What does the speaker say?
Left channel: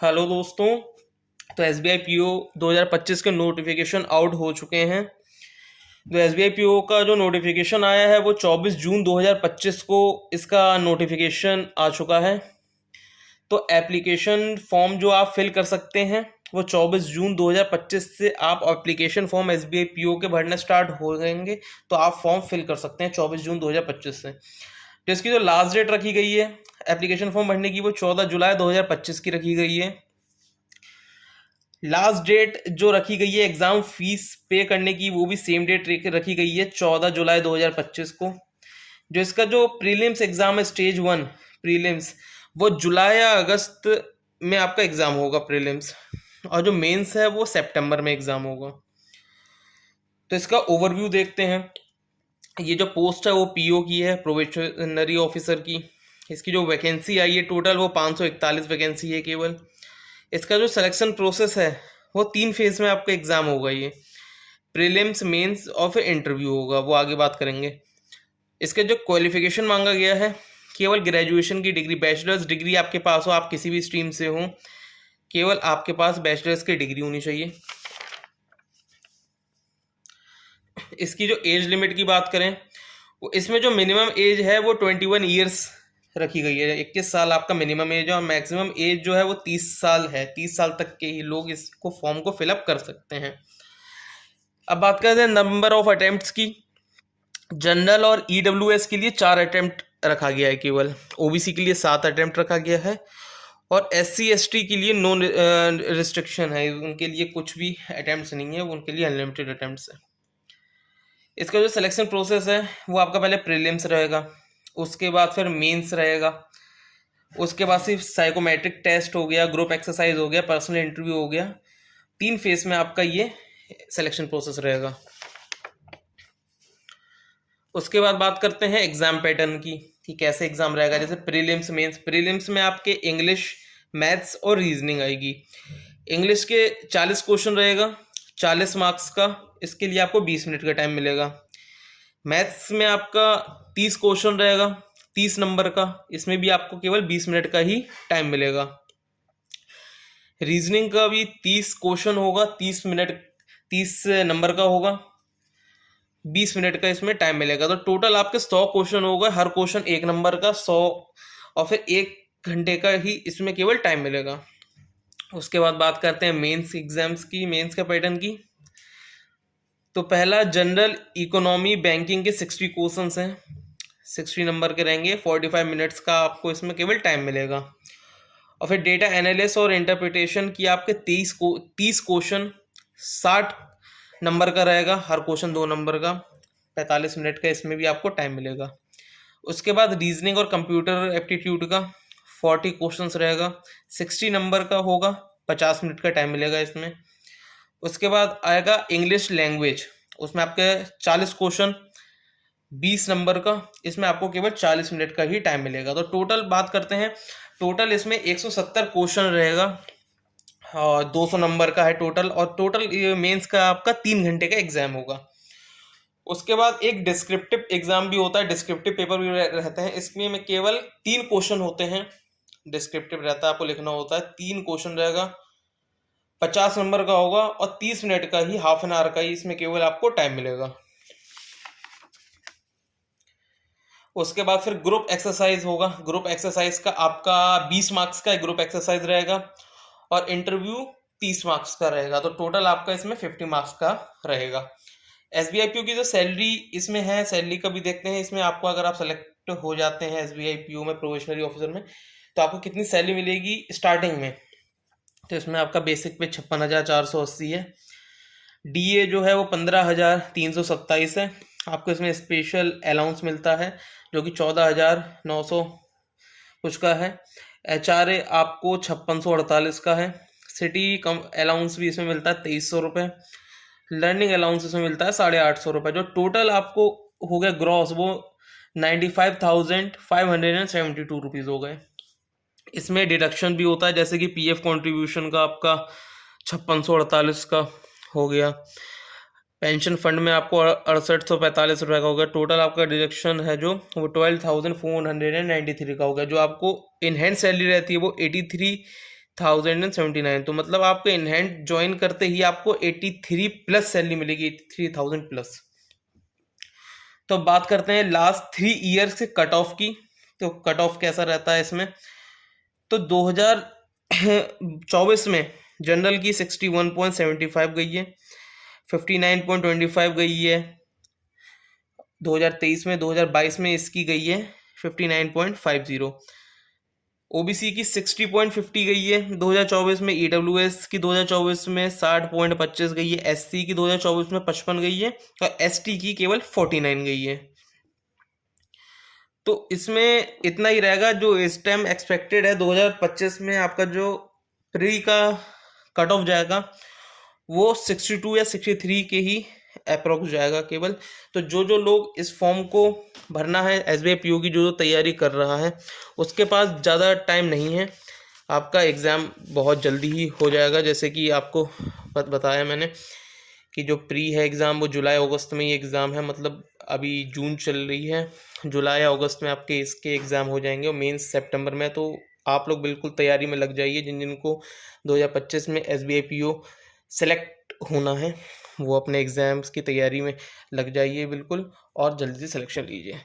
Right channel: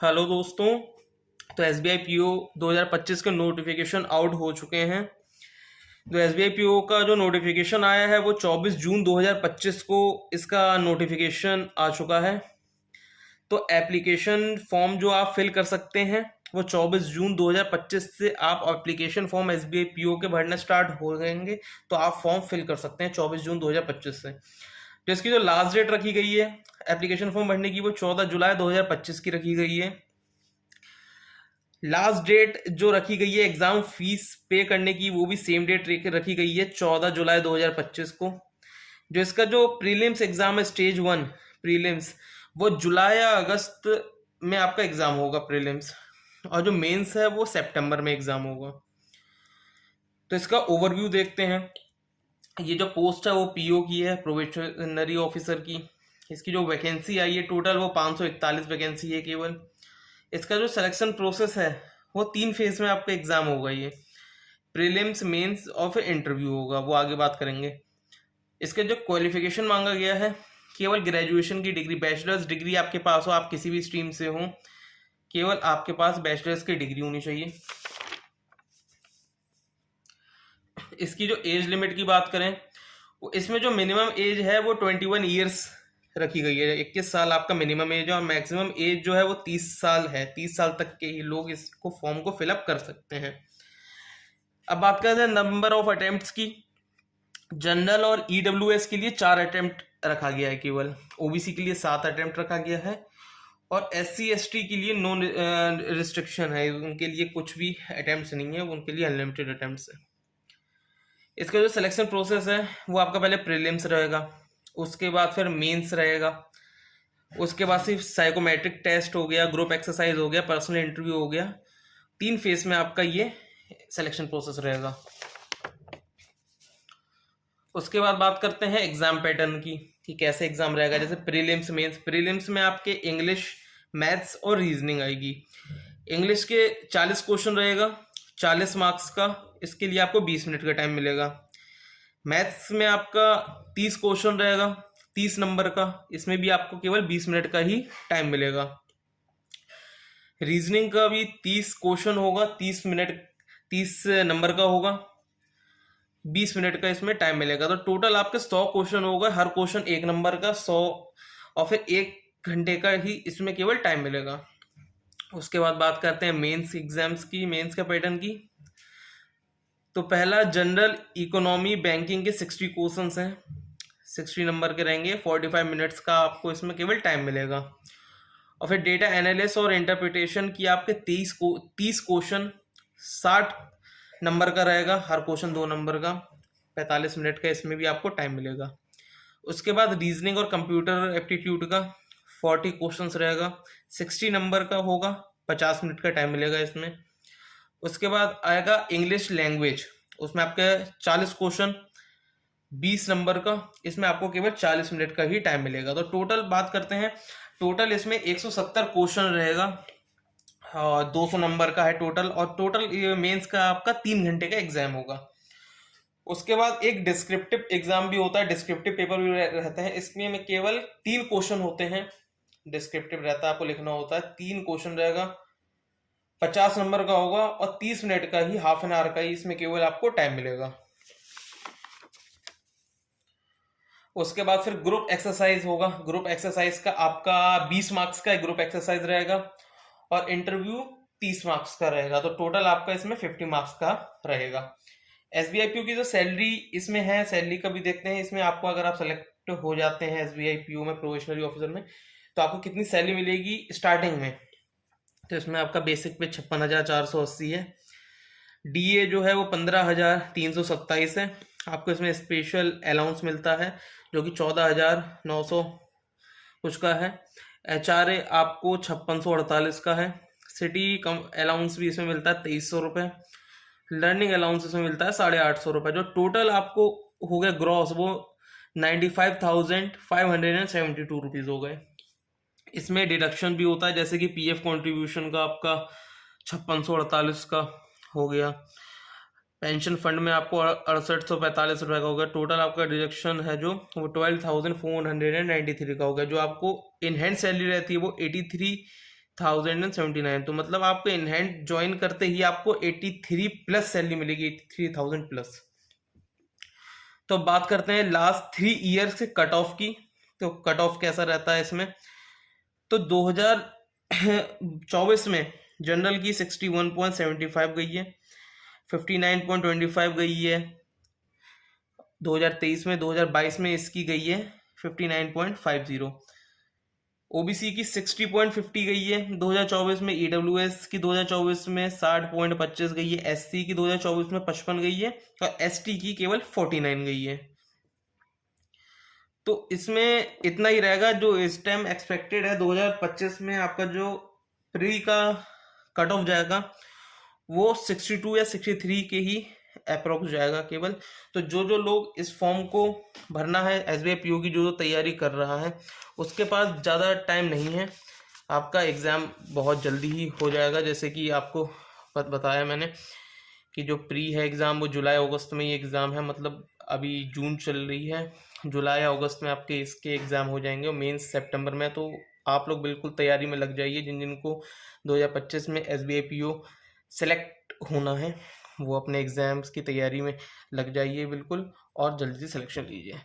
Hello दोस्तों। तो S B I P O 2025 के नोटिफिकेशन आउट हो चुके हैं। तो S B I P O का जो नोटिफिकेशन आया है वो 24 जून 2025 को इसका नोटिफिकेशन आ चुका है। तो एप्लीकेशन फॉर्म जो आप फिल कर सकते हैं वो 24 जून 2025 से आप application form S B I P O के भरना स्टार्ट हो जाएंगे। तो आप फॉर्म फिल कर सकते हैं 24 जून 2025 से। तो इसकी जो लास्ट डेट रखी गई है एप्लीकेशन फॉर्म भरने की वो 14 जुलाई 2025 की रखी गई है। लास्ट डेट जो रखी गई है एग्जाम फीस पे करने की वो भी सेम डेट रखी गई है 14 जुलाई 2025 को। जो इसका जो प्रीलिम्स एग्जाम है स्टेज 1 प्रीलिम्स वो जुलाई या अगस्त में आपका एग्जाम होगा प्रीलिम्स, और जो मेंस है वो सितंबर में एग्जाम होगा। तो इसका ओवरव्यू देखते हैं। ये जो पोस्ट है वो पीओ की है, प्रोबेशनरी ऑफिसर की। इसकी जो वैकेंसी आई है टोटल वो 541 वैकेंसी है केवल। इसका जो सिलेक्शन प्रोसेस है वो 3 फेज में आपका एग्जाम होगा। ये प्रीलिम्स, मेंस और फिर इंटरव्यू होगा, वो आगे बात करेंगे। इसके जो क्वालिफिकेशन मांगा गया है केवल ग्रेजुएशन की डिग्री, बैचलर्स डिग्री आपके पास हो, आप किसी भी स्ट्रीम से हो, केवल आपके पास बैचलर्स की डिग्री होनी चाहिए। इसकी जो एज लिमिट की बात करें वो इसमें जो मिनिमम एज है वो 21 ईयर्स रखी गई है। 21 साल आपका मिनिमम एज है और मैक्सिमम एज जो है वो 30 साल है। 30 साल तक के ही लोग इसको फॉर्म को फिलअप कर सकते हैं। अब बात करते हैं नंबर ऑफ अटेम्प्ट्स की। जनरल और ईडब्ल्यूएस के लिए 4 अटेम्प्ट रखा गया है केवल। ओबीसी के लिए 7 अटेम्प्ट रखा गया है और एससी एसटी के लिए नो रिस्ट्रिक्शन है, उनके लिए कुछ भी अटेम्प्ट्स नहीं है, उनके लिए अनलिमिटेड अटेम्प्ट्स है। इसका जो सिलेक्शन प्रोसेस है वो आपका पहले प्रीलिम्स रहेगा, उसके बाद फिर मेंस रहेगा, उसके बाद सिर्फ साइकोमेट्रिक टेस्ट हो गया, ग्रुप एक्सरसाइज हो गया, पर्सनल इंटरव्यू हो गया। 3 फेज में आपका ये सिलेक्शन प्रोसेस रहेगा। उसके बाद बात करते हैं एग्जाम पैटर्न की कि कैसे एग्जाम रहेगा। जैसे प्रीलिम्स, मेंस। प्रीलिम्स में आपके इंग्लिश, मैथ्स और रीजनिंग आएगी। इंग्लिश के 40 क्वेश्चन रहेगा, 40 मार्क्स का। इसके लिए आपको 20 मिनट का टाइम मिलेगा। मैथ्स में आपका 30 क्वेश्चन रहेगा, 30 नंबर का। इसमें भी आपको केवल 20 मिनट का ही टाइम मिलेगा। रीजनिंग का भी 30 क्वेश्चन होगा, 30 नंबर का होगा, 20 मिनट का इसमें टाइम मिलेगा। तो टोटल आपके 100 क्वेश्चन होगा, हर क्वेश्चन 1 नंबर का, 100 और फिर 1 घंटे का ही इसमें केवल टाइम मिलेगा। उसके बाद बात करते हैं मेंस एग्जाम्स की, मेंस का पैटर्न की। तो पहला जनरल इकोनॉमी बैंकिंग के 60 क्वेश्चंस हैं, 60 नंबर के रहेंगे। 45 मिनट्स का आपको इसमें केवल टाइम मिलेगा। और फिर डेटा एनालिसिस और इंटरप्रिटेशन की आपके 30 क्वेश्चन, 60 नंबर का रहेगा, हर क्वेश्चन 2 नंबर का, 45 मिनट का इसमें भी आपको टाइम मिलेगा। उसके बाद रीजनिंग और कंप्यूटर एप्टीट्यूड का 40 क्वेश्चंस रहेगा, 60 नंबर का होगा, 50 मिनट का टाइम मिलेगा इसमें। उसके बाद आएगा इंग्लिश लैंग्वेज, उसमें आपके 40 क्वेश्चन, 20 नंबर का, इसमें आपको केवल 40 मिनट का ही टाइम मिलेगा। तो टोटल बात करते हैं, टोटल इसमें 170 क्वेश्चन रहेगा, 200 नंबर का है टोटल। और टोटल मेंस का आपका 3 घंटे का एग्जाम होगा। उसके बाद एक डिस्क्रिप्टिव एग्जाम भी होता है, डिस्क्रिप्टिव पेपर भी रहते हैं। इसमें केवल 3 क्वेश्चन होते हैं, डिस्क्रिप्टिव रहता है, आपको लिखना होता है। 3 क्वेश्चन रहेगा, 50 नंबर का होगा और 30 मिनट का ही, हाफ एन आवर का ही इसमें केवल आपको टाइम मिलेगा। उसके बाद फिर ग्रुप एक्सरसाइज होगा। ग्रुप एक्सरसाइज का आपका 20 मार्क्स का ग्रुप एक्सरसाइज रहेगा और इंटरव्यू 30 मार्क्स का रहेगा। तो टोटल आपका इसमें 50 मार्क्स का रहेगा। एसबीआई पीओ की जो सैलरी इसमें है, सैलरी का भी देखते हैं। इसमें आपको अगर आप सेलेक्ट हो जाते हैं एसबीआई पीओ में, प्रोबेशनरी ऑफिसर में, तो आपको कितनी सैलरी मिलेगी स्टार्टिंग में। तो इसमें आपका बेसिक पे 56,480 है। डीए जो है वो 15,327 है। आपको इसमें स्पेशल अलाउंस मिलता है जो कि 14,900 कुछ का है। एचआरए आपको 5648 का है। सिटी कम अलाउंस भी इसमें मिलता है 2300 रुपये। लर्निंग अलाउंस इसमें मिलता है 850 रुपये। जो टोटल आपको हो गया ग्रॉस वो 95,572 रुपीज़ हो गए। इसमें डिडक्शन भी होता है, जैसे कि पीएफ कंट्रीब्यूशन का आपका 5648 का हो गया। पेंशन फंड में आपको 6845 रुपये का हो गया। टोटल आपका डिडक्शन है जो वो 12,493 का हो गया। जो आपको इन हैंड सैलरी रहती है वो 80,079, तो मतलब आपको इन हैंड ज्वाइन करते ही आपको 83 प्लस सैलरी मिलेगी, 83,000 प्लस। तो अब बात करते हैं लास्ट 3 ईयर्स के कट ऑफ की। तो कट ऑफ कैसा रहता है इसमें, तो 2024 में जनरल की 61.75 गई है, 59.25 गई है 2023 में, 2022 में इसकी गई है 59.50। ओबीसी की 60.50 गई है 2024 में, ईडब्ल्यूएस की 2024 में 60.25 गई है, एससी की 2024 में 55 गई है और एसटी की केवल 49 गई है। तो इसमें इतना ही रहेगा जो इस टाइम एक्सपेक्टेड है 2025 में आपका जो प्री का कट ऑफ जाएगा वो 62 या 63 के ही अप्रोक्स जाएगा केवल। तो जो जो लोग इस फॉर्म को भरना है, एसबीआई पीओ की जो तैयारी कर रहा है उसके पास ज़्यादा टाइम नहीं है, आपका एग्ज़ाम बहुत जल्दी ही हो जाएगा। जैसे कि आपको बताया मैंने कि जो प्री है एग्ज़ाम वो जुलाई अगस्त में ही एग्ज़ाम है, मतलब अभी जून चल रही है, जुलाई अगस्त में आपके इसके एग्ज़ाम हो जाएंगे और मेंस सितंबर में। तो आप लोग बिल्कुल तैयारी में लग जाइए, जिन जिनको 2025 में एसबीआई पीओ सेलेक्ट होना है वो अपने एग्ज़ाम्स की तैयारी में लग जाइए बिल्कुल और जल्दी से सिलेक्शन लीजिए।